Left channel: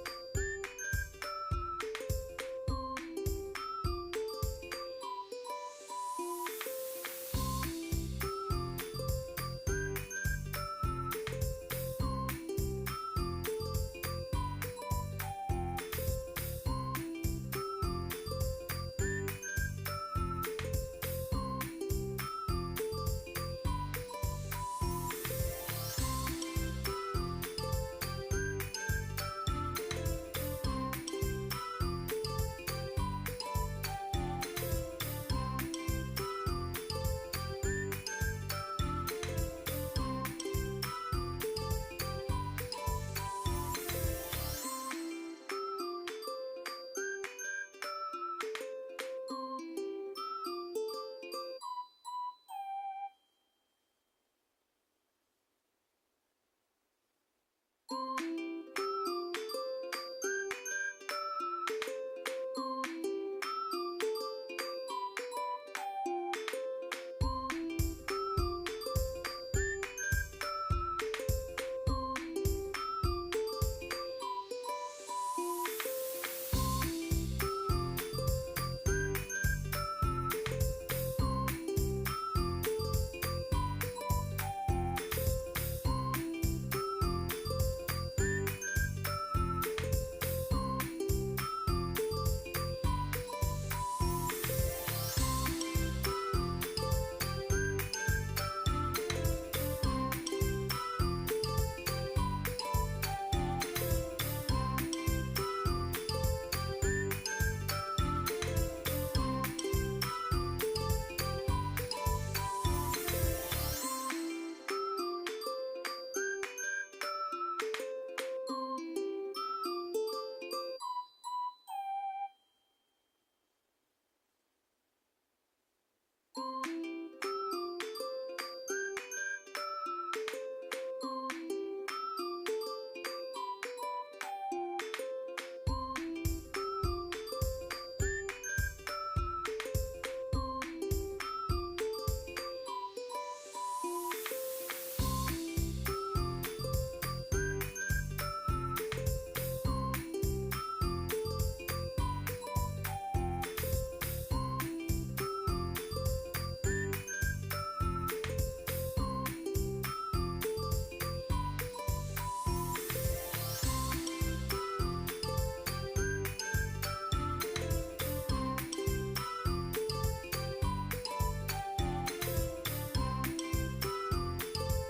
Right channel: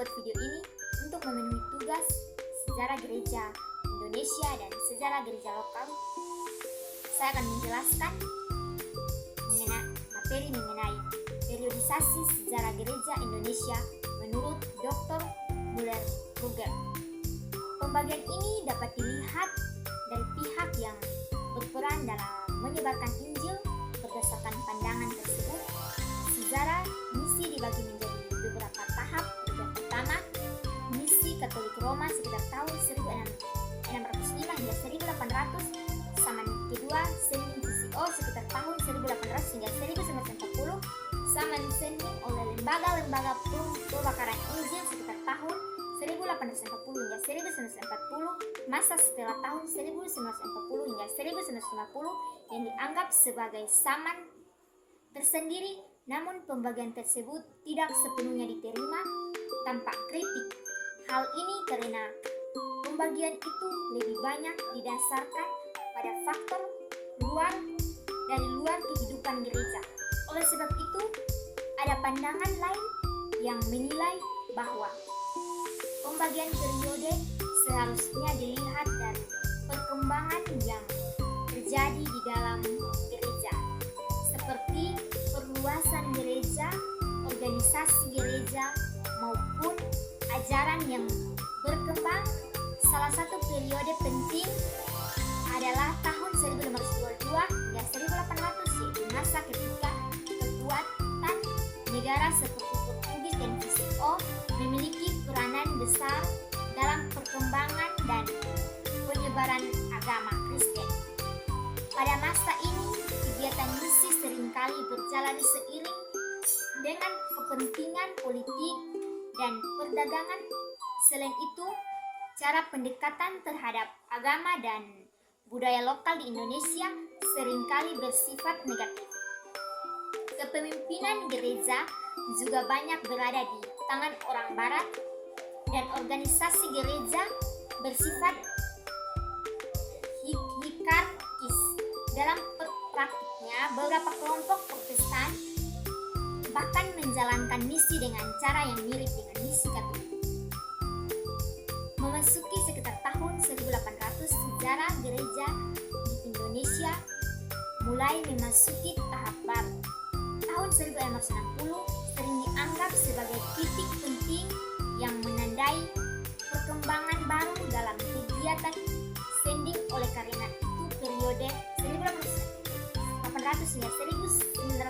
membuat video ini untuk memenuhi tugas sejarah gereja Indonesia dan sejarah gereja lokal. Saya akan menjelaskan materi mengenai periodisasi sejarah gereja Indonesia menurut Dr. Müller-Ruger. Pembagian ini dapat dilihat dari pihak yang berperan dalam menyebarkan Injil berdasarkan pandangan tersebut. Sejarah misi dibagi menjadi beberapa tahap. Yang pertama, misi Katolik Roma sekitar tahun 1605 hingga 1800. Zaman kedua, seni GCO sekitar tahun 1800 hingga 1940. Zaman seni oleh lembaga-lembaga pembakaran Injil sekitar tahun 1840 hingga 1940. Masa setelah tahun 1940 hingga 1950 yang dianggap sebagai zaman tersendiri, namun pembagian tersebut tidak sepenuhnya diterima tanpa kritik. Hal ini karena pembagian itu lebih banyak didasarkan pada faktor luar kehidupan gereja. Oleh sebab itu, ada pandangan lain yang menilai bahwa pembagian periode seharusnya dilihat dari perkembangan yang terjadi di dalam gereja, seperti perluasan gereja, organisasi gereja, maupun ajaran yang berkembang. Salah satu periode penting adalah tahun 1522 hingga 1800, yaitu masa ketika kekuatan negara seperti Portugis dan GCO memiliki peranan besar dalam perkembangan dan penyebaran agama Kristen. Pada masa ini, kegiatan misi seringkali berjalan seiring dengan kepentingan politik dan perdagangan. Selain itu, cara pendekatan terhadap agama dan budaya lokal di Indonesia seringkali bersifat negatif. Kepemimpinan gereja juga banyak berada di tangan orang Barat, dan organisasi gereja bersifat hierarkis. Dalam praktiknya, beberapa kelompok Protestan bahkan menjalankan misi dengan cara yang mirip dengan misi Katolik. Memasuki sekitar tahun 1800, sejarah gereja di Indonesia mulai memasuki tahap baru. Tahun 1660 sering dianggap sebagai titik penting yang menandai perkembangan baru dalam kegiatan sending. Oleh karena itu, periode 1800 hingga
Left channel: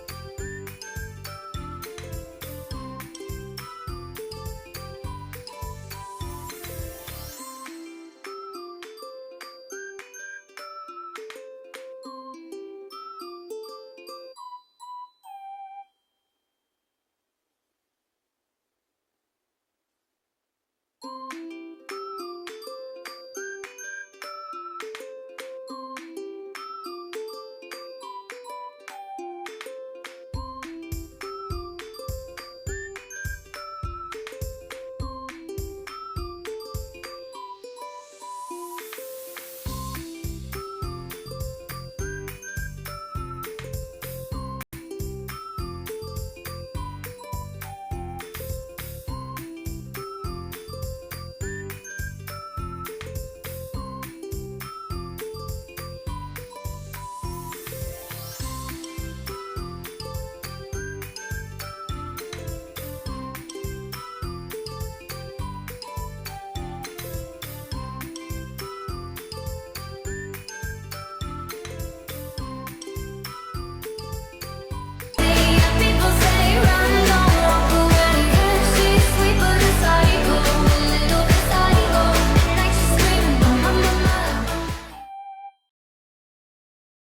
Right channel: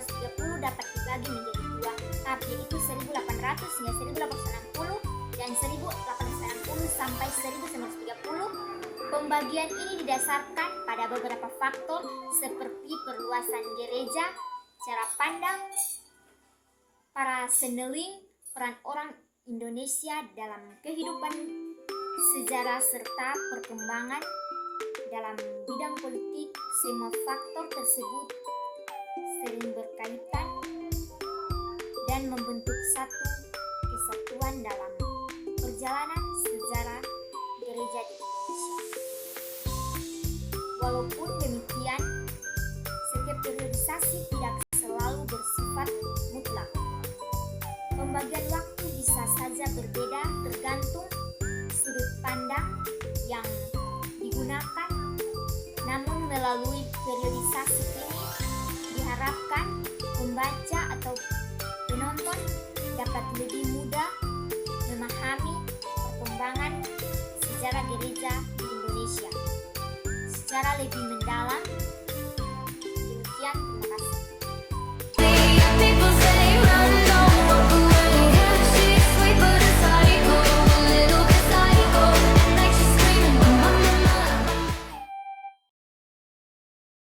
1930 dapat dibagi menjadi dua tahap, yaitu 1800 hingga 1860 dan 1860 sampai 1930. Pembagian ini didasarkan pada beberapa faktor seperti perluasan gereja, cara pandang para seneling, peran orang Indonesia dalam kehidupan sejarah, serta perkembangan dalam bidang politik. Semua faktor tersebut sering berkaitan